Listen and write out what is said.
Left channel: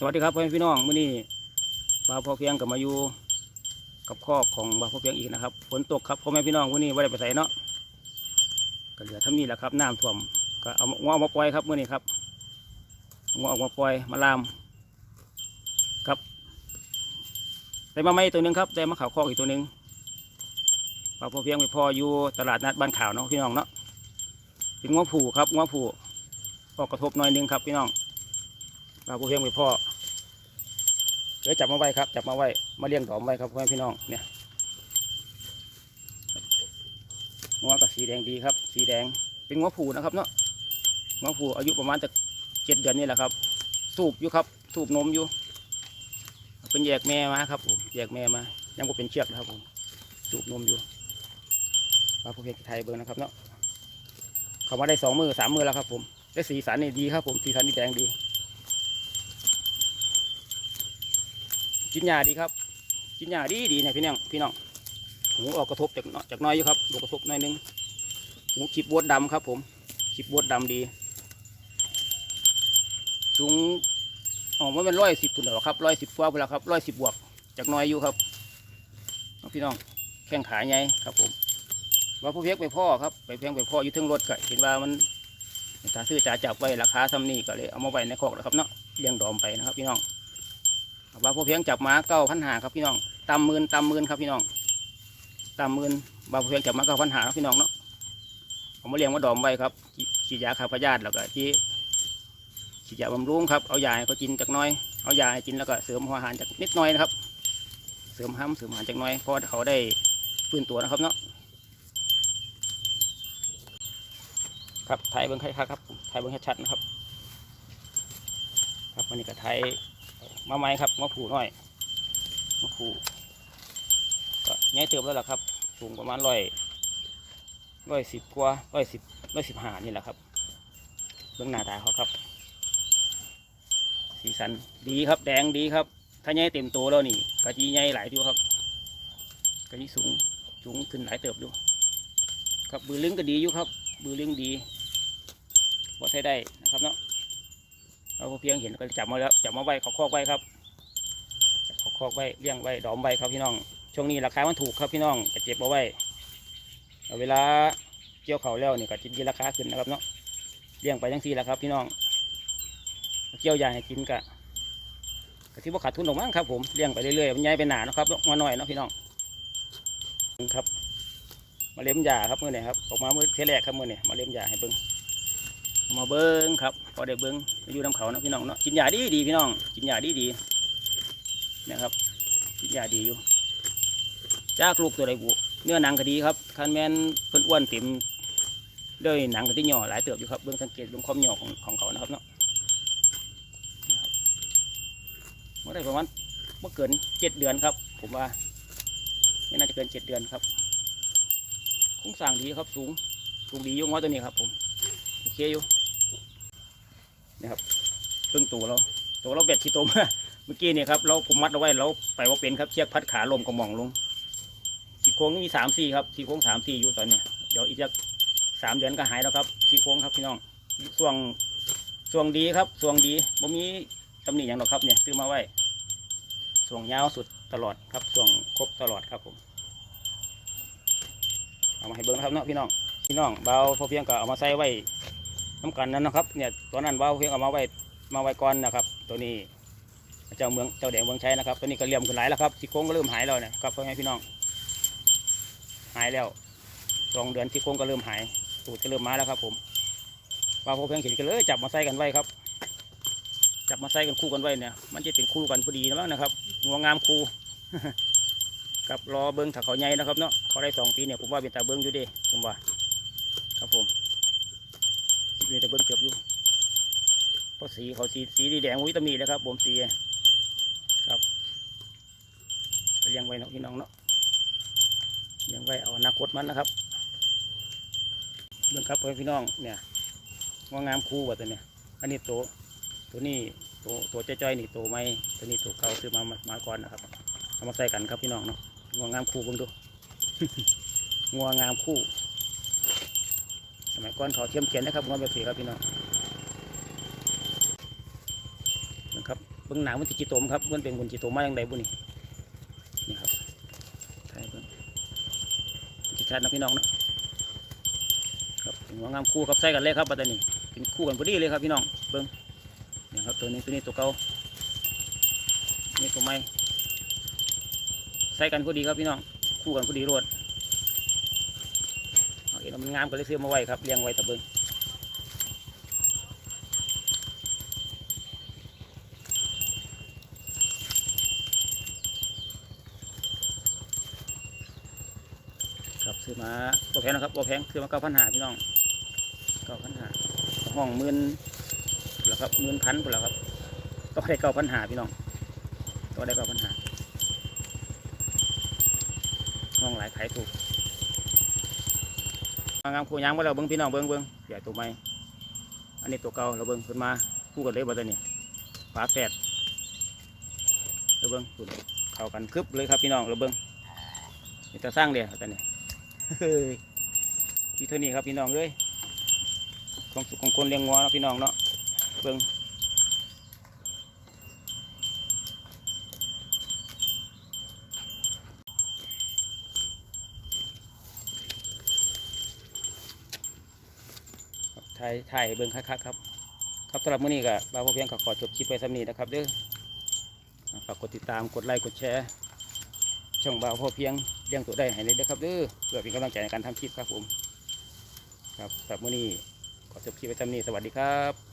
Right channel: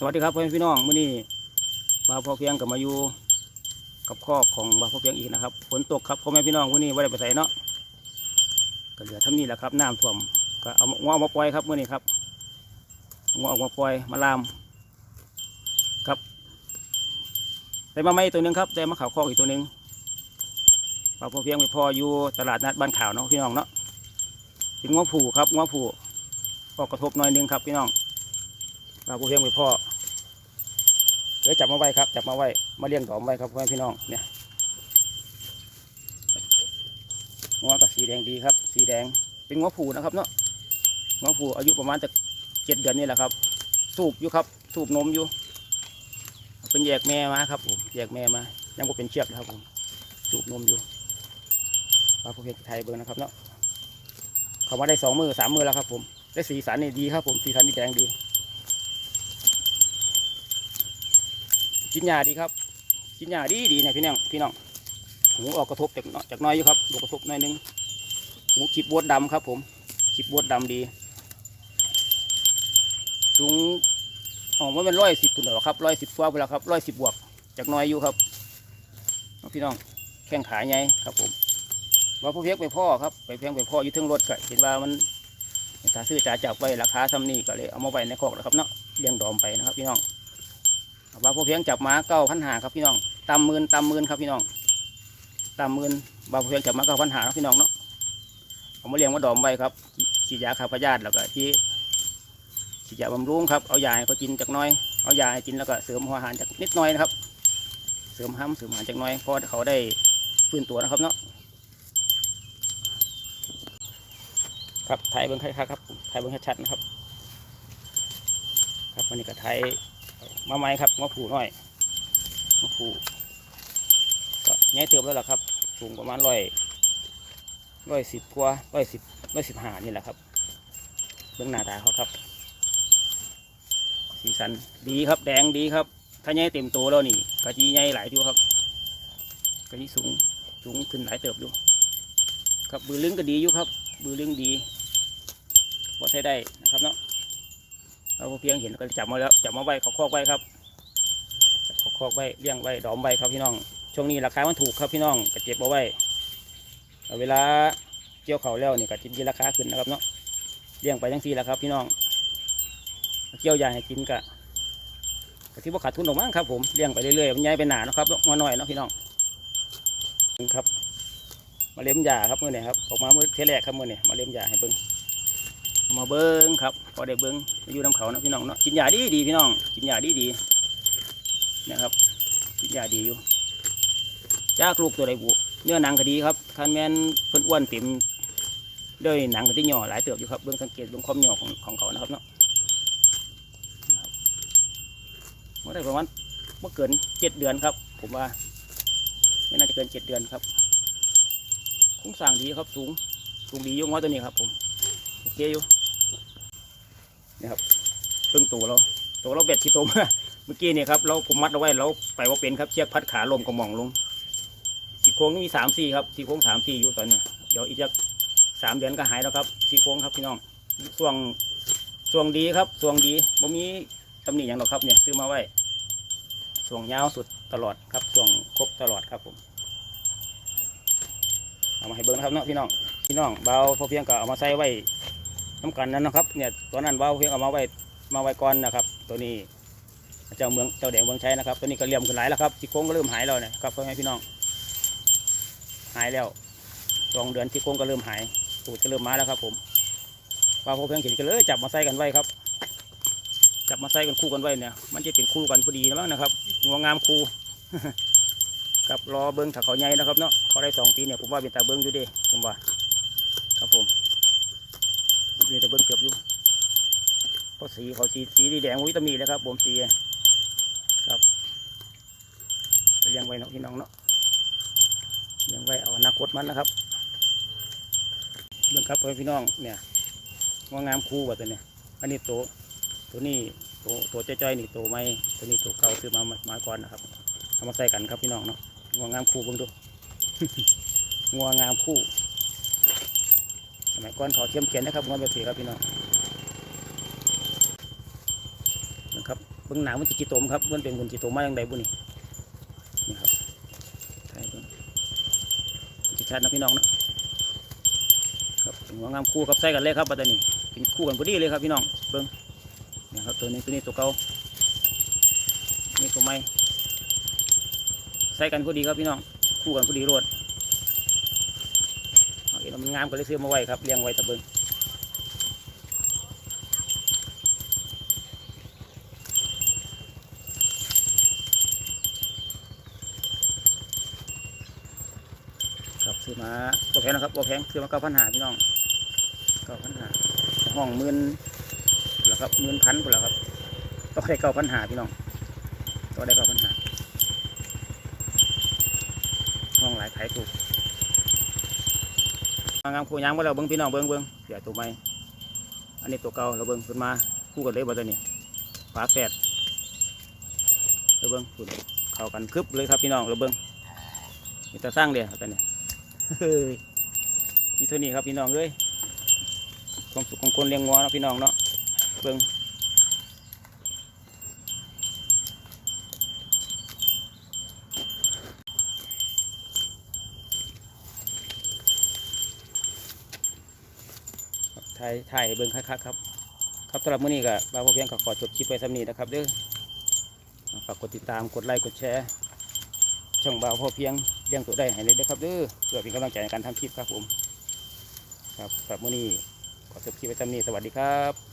สวัสดีครับพ่อแม่พี่น้องมื้อนี้บาพ่อเพียงกับมาอยู่กับคอกของบาพ่อเพียงอีกนะครับฝนตกครับพ่อแม่พี่น้องมื้อนี้ไม่ได้ไปใส่เนาะก็เหลือท่านี้แหละครับน้ำท่วมก็เอางออกมาปล่อยครับมื้อนี้ครับเอางอออกมาปล่อยมาลามครับได้มาไม่ตัวหนึงครับได้มาข่าวคอกอีกตัวหนึงบาพ่อเพียงไปพ่ออยู่ตลาดนัดบ้านข่าวเนาะพี่น้องเนาะเป็นงัวผูครับงัวผูออกกระทบหน่อยหนึงครับพี่น้องเราผู้เพียงไปพ่อ ดี๋ยวจับมาไว้ครับ จับมาไว้ มาเลี้ยงดอมไว้ครับพ่อแม่พี่น้อง เนี่ยงัวกับสีแดงดีครับ สีแดง เป็นงัวผูนะครับเนาะงัวผูอายุประมาณจะเจ็ดเดือนนี่แหละครับ สูบอยู่ครับ สูบนมอยู่ เป็นแยกแม่มาครับผม แยกแม่มา ยังก็เป็นเชือกนะครับผม สูบนมอยู่ปลาผู้เพียงไทยเบอร์นะครับเนาะเขามาได้สองมือสามมือแล้วครับผม ได้สีสันนี่ดีครับผม สีสันนี่แดงดี กินหญ้าดีครับ กินหญ้าดีดีนี่ยพี่น้องพี่น้องหูออกกระทบจากจากน้อยอยู่ครับดูกระทบน้อยนึงหูขีบบวดดำครับ ผมขีบบวดดำดี สูงออกมาเป็นร้อยสิบปุ่นหรอครับร้อยสิบกว่าไปแล้วครับร้อยสิบบวกจากน้อยอยู่ครับพี่น้องแข้งขาใหญ่ครับ ผมว่าผู้เพียกไปพ่อครับไปเพียงไปพ่ออยู่ทึงรถก็เห็นว่ามันถ้าซื้อจ่าจับไว้ราคาซ้ำนี่ก็เลยเอามาไว้ในคอกแล้วครับเนาะเลี้ยงดอมไปนะครับพี่น้อง ว่าพอเพียงจับมาเก้าพันหาครับพี่น้องตำมื่นตำมื่นครับพี่น้องตำมื่นบาพอเพียงจับมาเก้าพันหาครับพี่น้องเนาะเอามาเลี้ยงมาดอมไว้ครับฉีดยาฆ่าพยาธิแล้วก็ที่ฉีดยาบำรุงครับเอายาให้เขากินจากน้อยเอายาให้กินแล้วก็เสริมหัวอาหารจากนิดหน่อยนะครับ เสริมห้ำเสริมอาหารจากน้อยเพราะเขาได้ฟื้นตัวนะครับเนาะครับไทยเบิ้งไทยครับไทยเบิ้งชัดๆนะครับ ครับวันนี้ก็ไทย มาไหมครับงอผูน้อยงอผูก็ใหญ่เติบแล้วล่ะครับสูงประมาณร้อยร้อยสิบกว่าร้อยสิบร้อยสิบห้านี่แหละครับเบื้องหน้าตาเขาครับ สีสันดีครับแดงดีครับ ถ้าใหญ่เต็มโตแล้วนี่กะจีใหญ่หลายอยู่ครับกะจีสูงสูงขึ้นหลายเติบอยู่ครับบือลึงก็ดีอยู่ครับบือลึงดีพอใช้ได้นะครับเนาะ เราเพียงเห็นก็จับมาแล้วจับมาไว้เขาคอกไว้ครับเขาคอกไว้เลี้ยงไว้ดอมไว้ครับพี่น้อง ช่วงนี้ราคามันถูกครับพี่น้องก็เจ็บเอาไว้เวลาเกี่ยวเขาแล้วนี่ก็จะมีราคาขึ้นนะครับเนาะเลี้ยงไปทั้งทีแล้วครับ พี่น้องเกี่ยวยาให้กินกะก็ที่ว่าขาดทุนออกมั้งครับผมเลี้ยงไปเรื่อยๆมันใหญ่ไปหนานะครับมาหน่อยเนาะพี่น้องครับ มาเลี้ยมยาครับมื่อนี้ครับออกมาเมื่อเทแรกครับมื่อนี้มาเลี้ยมยาให้เบิ้ง มาเบิ้งครับ พอได้เบิ้งไปอยู่น้ำเขานะพี่น้องเนาะกินยาดีดีพี่น้องกินยาดีดีนะครับกินยาดีอยู่จากลูกตัวใดบุเนื้อหนังก็ดีครับคันแมนเพิ่นอ้วนเต็มด้วยหนังก็ที่หย่อหลายเติบอยู่ครับเบิ้งสังเกตเบิ้งความหย่อของของเขานะครับเนาะนะครับเมื่อได้ประมาณเมื่อเกินเจ็ดเดือนครับ ผมว่า ไม่น่าจะเกินเจ็ดเดือนครับโครงสร้างดีครับสูงสูงดีอยุ่งว่าตัวนี้ครับผมโอเคอยู่ นี่ครับเพิ่งตัวเราตัวเราเบ็ดที่ตัวมาเมื่อกี้เนี่ยครับเราผมมัดเอาไว้เราไปว่าเป็นครับเชือกพัดขาลมกระหม่องลงทีโค้งนี่มีสามสี่ครับทีโค้งสามสี่อยู่ตอนเนี้ยเดี๋ยวอีกสักสามเดือนก็หายแล้วครับทีโค้งครับพี่น้องส่วงส่วงดีครับส่วงดีบ่มีตำหนิอย่างหรอกครับเนี่ยซื้อมาไว้ส่วงยาวสุดตลอดครับส่วงครบตลอดครับผมเอามาให้เบิ้งนะครับเนาะพี่น้องพี่น้องเบาพอเพียงก็เอามาใส่ไว้ น้ำกันนั้นนะครับเนี่ยตัวนั้นเบาวเพียงเอามาไว้มาไว้ก่อนนะครับ ตัวนี้เจ้าเมืองเจ้าแดงเมืองใช้นะครับ ตัวนี้ก็เลี่ยมขึ้นหลายแล้วครับที่โค้งก็เริ่มหายแล้วนะครับพ่อแม่พี่น้อง หายแล้วสองเดือนที่โค้งก็เริ่มหายตูดก็เริ่มมาแล้วครับผมเบาพอเพียงเห็นกันเลยจับมาใส่กันไว้ครับ จับมาใส่กันคู่กันไว้เนี่ย มันจะเป็นคู่กันพอดีแล้วนะครับงวงามคู่ครับรอเบิ้งถ้าเขาใหญ่นะครับเนาะเขาได้สองปีเนี่ยผมว่าเป็นตาเบิ้งอยู่ดิผมว่าครับผม มีแต่เบิ้งเกือบอยู่เพราะสีเขาสีสีดีแดงวิตามินนะครับผมสีครับเลี้ยงไว้เนาะพี่น้องเนาะเลี้ยงไว้เอาอนาคตมันนะครับเบิ้งครับพ่อพี่น้องเนี่ยงางามคู่ว่าตัวเนี่ยอันนี้ตัวตัวนี้ตัวตัวจ้อยๆนี่ตัวไม่ตัวนี้ตัวเก่าซื้อมามาก่อนนะครับเอามาใส่กันครับพี่น้องเนาะงางามคู่เบิ่งดูงวงามคู่ มัยก่อนเขาเทียมเขียนนะครับงัวแบบสีครับพี่น้องนะครับเบื้องหนามันจะจีตมครับมันเป็นบุญจีตมมาอย่างไรบุนี่นี่ครับใช่เบิ้องจีชัดนะพี่น้องนะครับเป็นหัวงามคู่กับใส่กันเลยครับปัตตานีกินคู่กันพอดีเลยครับพี่น้องเบิ้องนี่ครับตัวนี้ตัวนี้ตัวเก่านี่ตัวใหม่ใส่กันพอดีครับพี่น้องคู่กันพอดีรวด ห็นมันงามก็เลยซื้อมาไว้ครับเลี้ยงไว้ต่เบิงครับซื้อมาบ่แพงนะครับบ่แพงซื้อมาเก้าพันหาพี่น้องเก้าพันหาห้องหมื่นพุ่นละครับหมื่นพันพุ่นละครับก็ได้เก้าพันหาพี่น้องก็ได้เก้าพันหาห้องหลายขายถูก งามคู่ยางมาแล้วเบิ้งพี่น้องเบิ้งเบิ้งใหญ่ตัวใหม่อันนี้ตัวเก่าเราเบิ้งขึ้นมาคู่กันเลยบ่ตัวนี้ฝาแฝดเราเบิ้งพุ่นเข้ากันคึบเลยครับพี่น้องเราเบิ้งนี่จะสร้างเดียวตัวนี้เฮ้ยมีเท่านี้ครับพี่น้องเลยของสุกของคนเลี้ยงงัวเนาะพี่น้องเนาะเบิ้ง ถ่ายถ่ายเบิ้งคักๆครับ ครับสำหรับมื้อนี้ก็บาวพอเพียงก็ขอจบคลิปไว้สำนี้นะครับเด้อฝากกดติดตามกดไลค์กดแชร์ช่องบ่าวพอเพียงเลี้ยงตัวได้ให้เลยนะครับเด้อเพื่อเป็นกำลังใจในการทำคลิปครับผม ครับสำหรับมื้อนี้ขอจบคลิปไว้เท่านี้สวัสดีครับ